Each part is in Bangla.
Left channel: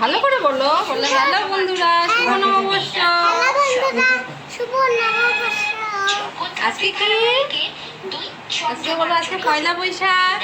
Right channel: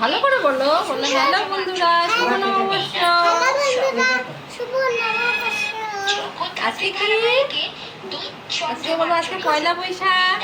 ভালো করে বলো বলো, হ্যালো বন্ধুরা, শুভ নববর্ষ। আজকে কি? আজকে বলো, আজকে পয়লা বৈশাখ।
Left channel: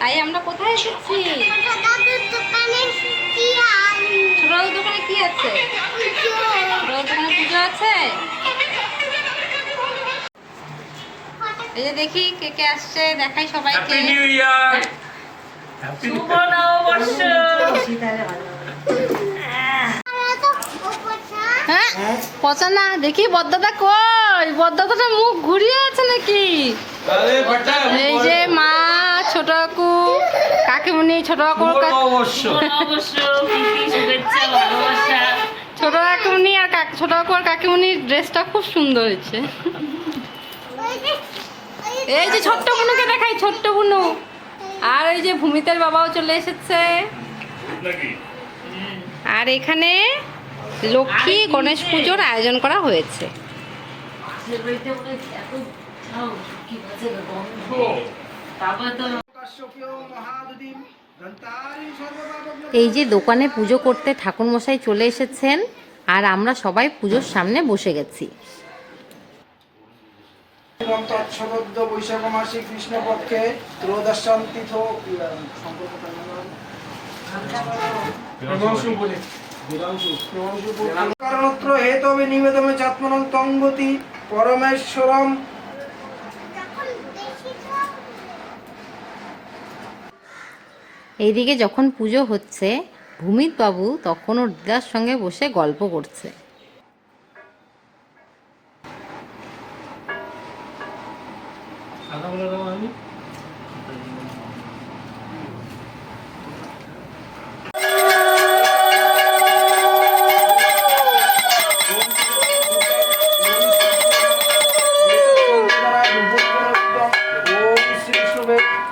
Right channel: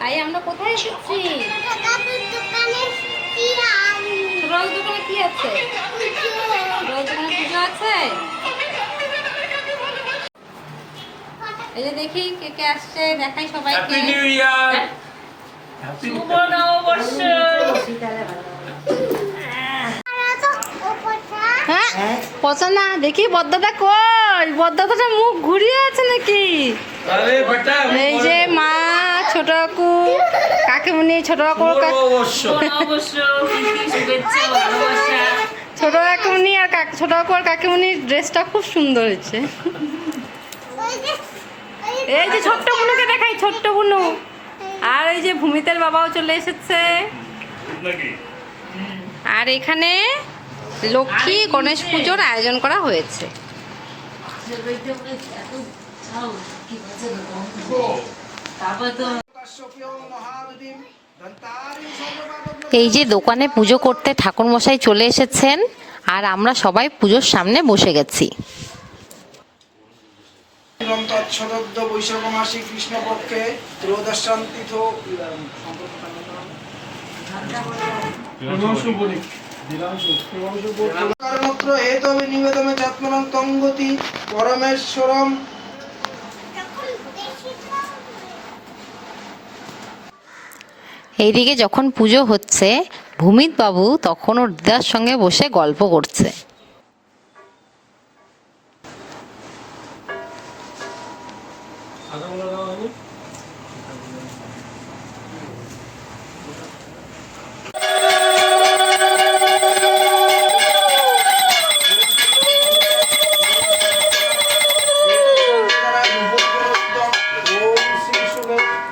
তাই আমরা কোথায় এসেছি? দাদুর দোকানে কি আছে? পুজো ছোট বাবুর দোকানে পুজো আছে? এই যে দেখি কে কে আসছে, দেখাই সবাইকে। হ্যাপি নিউ ইয়ার শুভ নববর্ষ হ্যাঁ পচা না দেখি বদ্দাটা কই? বদ্দাটা মুখ ঘুরিয়ে আছে নাকি? এই যে মা ছোট কাকু কাকিমুনি ছোট কাকুর ছোট কাকুমনি আর কাক ছোট কাকু আর কাকিমুনির ড্রেসটা খুব সুন্দর হয়েছে। এই যে ছোট্ট বুনুকে দেখাই ছোট্ট বুনু। আর এই যে ভূমিতের বাবাও চলে এসেছে। আর এখানে লক্ষ্মী গণেশ পুজোর আয়োজন করা হয়েছে। এই যে দোকানে পুজো করতে ঠাকুরমশাই চলে এসেছেন আর আমরা সবাই পুজোর সামনে বসে গেছি। এবং তৎসদদ্য বৈশাখ মাসে কৃষ্ণপক্ষে ত্রয়োদশাম তীর্থ কারণত্র হেতবে নিবেদমে চাত্মনং তঙ্গতি পরমেশ্বরম এইদিকে যখন পুজো হচ্ছে ভূমিত বাবু তখন ওর দিদার সঙ্গে বসে গল্প করছে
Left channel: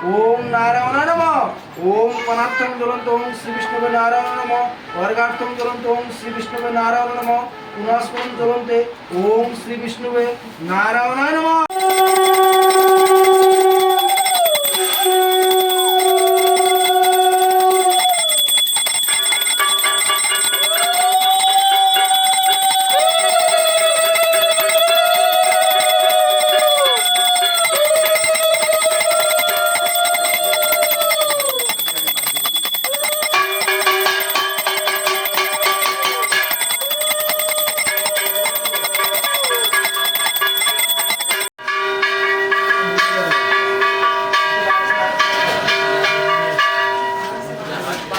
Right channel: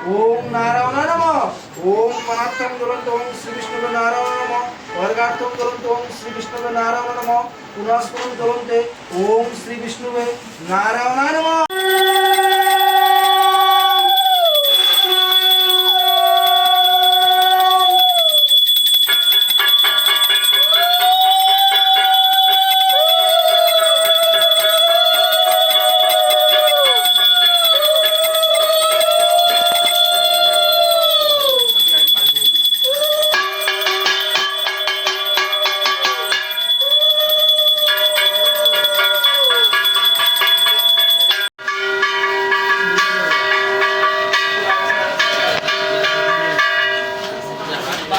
ওম নারায়ণ নম। ওম অনার্থম জ্বলন্ত ওম শ্রী বিষ্ণুবে নারায়ণ নম। বর্গার্থম জ্বলন্ত ওম শ্রী বিষ্ণুবে নারায়ণ নম। নারায়ণ নম।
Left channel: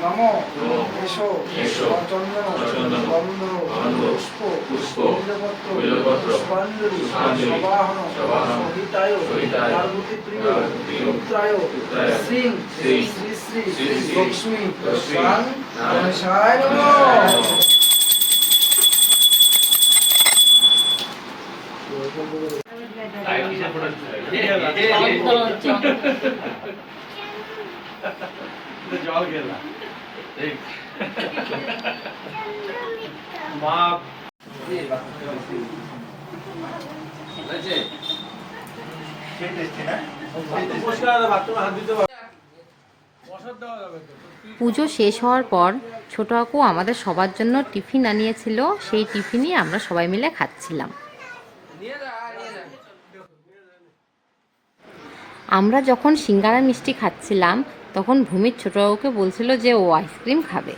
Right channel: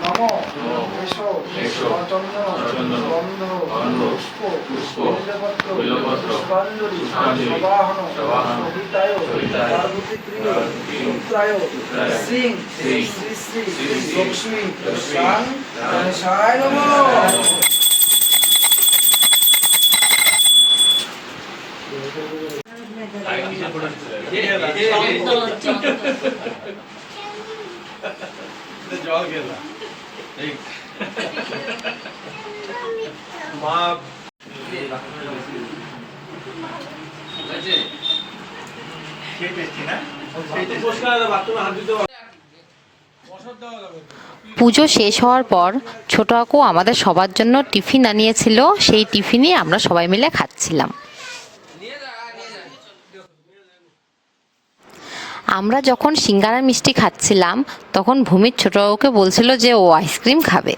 নম এসো চন্দন গন্ধ পুষ্প পুষ্পপত্র পুষ্পাঞ্জলি সবাহন সহিতায় পার্বতী প্রিয় পুত্রায় শ্রী শ্রী শ্রী শ্রী লক্ষ্মী গান গণেশায় নমঃ জল গেলা ঠিক মা পুজো শেষ হওয়ার পর ছোট কাকু আমাদের সবার জন্য টিফিন আনিয়েছিল। সেই টিফিনই আমরা সবাই মিলে খাচ্ছিলাম। আমরা যখন সিঙ্গারা মিষ্টি খাচ্ছিলাম তখন ভূমির ছোট কাকুকে বলছিল যে ও আইসক্রিম খাবে।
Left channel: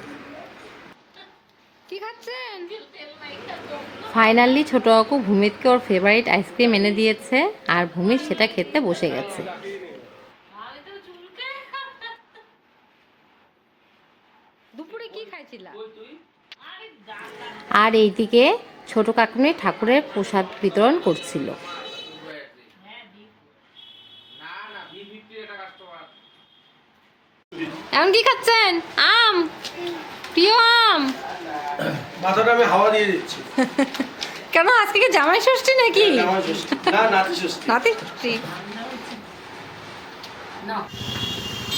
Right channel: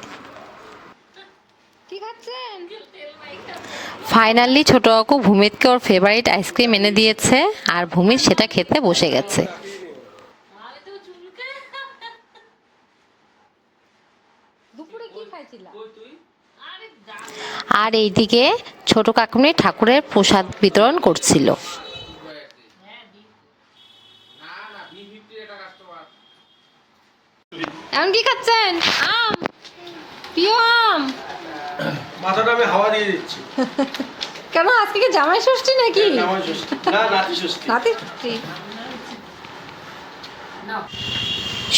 কি খাচ্ছেন? ফাইনালি ছোট কাকু ভূমিতকে ওর ফেভারিট আইসক্রিম এনে দিয়েছে আর ভূমিত সেটা খেতে বসে গেছে। দুপুরে কি খাইছিলা? আর এইদিকে ছোট কাকুনি ঠাকুরের প্রসাদ বিতরণ করছিল এখন কি খাচ্ছেন আম প্রিয় আম মাথাটা আমি হাওয়া দিয়ে দিচ্ছি। কেন আজকে কি জামাই ষষ্ঠী নাকি? আমার ষষ্ঠী। না নাতি ষষ্ঠী। নাতি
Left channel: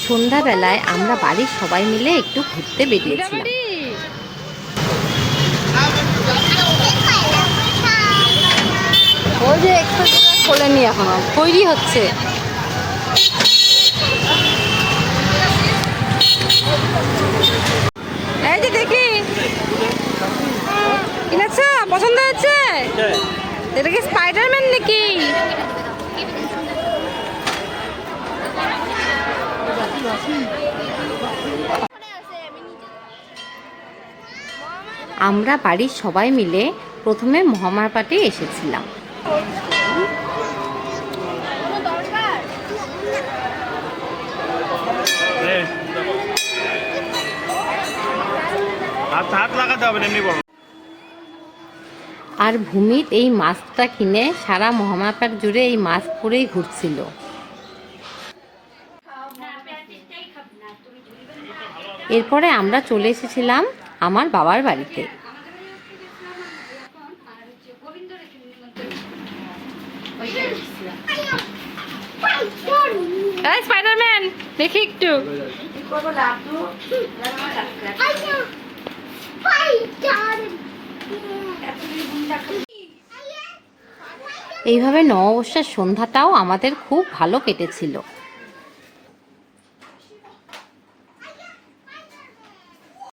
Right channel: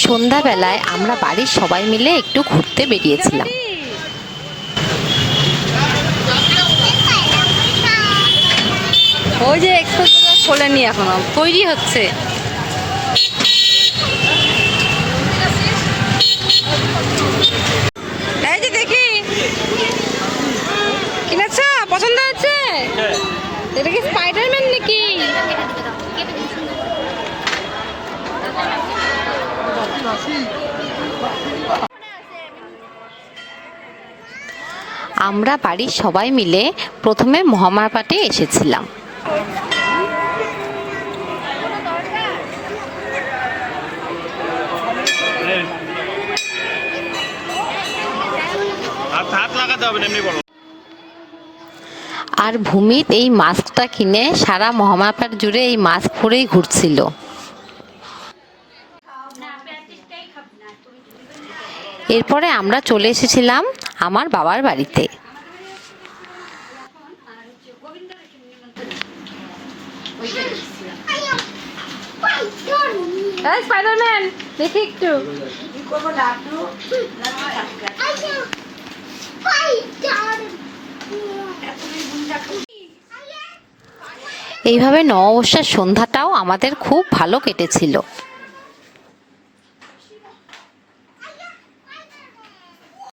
সন্ধ্যাবেলায় আমরা বাড়ির সবাই মিলে একটু ঘুরতে বেরিয়েছিলাম। ওই যে এক্সপ্রেস খোলেনি এখনও তৈরি হচ্ছে এই যে দেখি কিনেছ পছন্দ এটা কি স্পাইডারম্যান নাকি? আমরা বাড়ির সবাই মিলে প্রথমে মহামায়াপাটে এসেছিলাম। হাত লাগাতে হবে এমনি আর ভূমিত এই মাস্কটা কিনে সারা মহামায়াপাট জুড়ে এই মাস্ক পরেই ঘুরছিল। এরপরে আমরা চলে এসেছিলাম আমার বাবার বাড়িতে। স্পাইডারম্যান দেখি একটু। এইভাবে নববর্ষের সন্ধ্যাটাও আমাদের খুব ভালো কেটেছিল।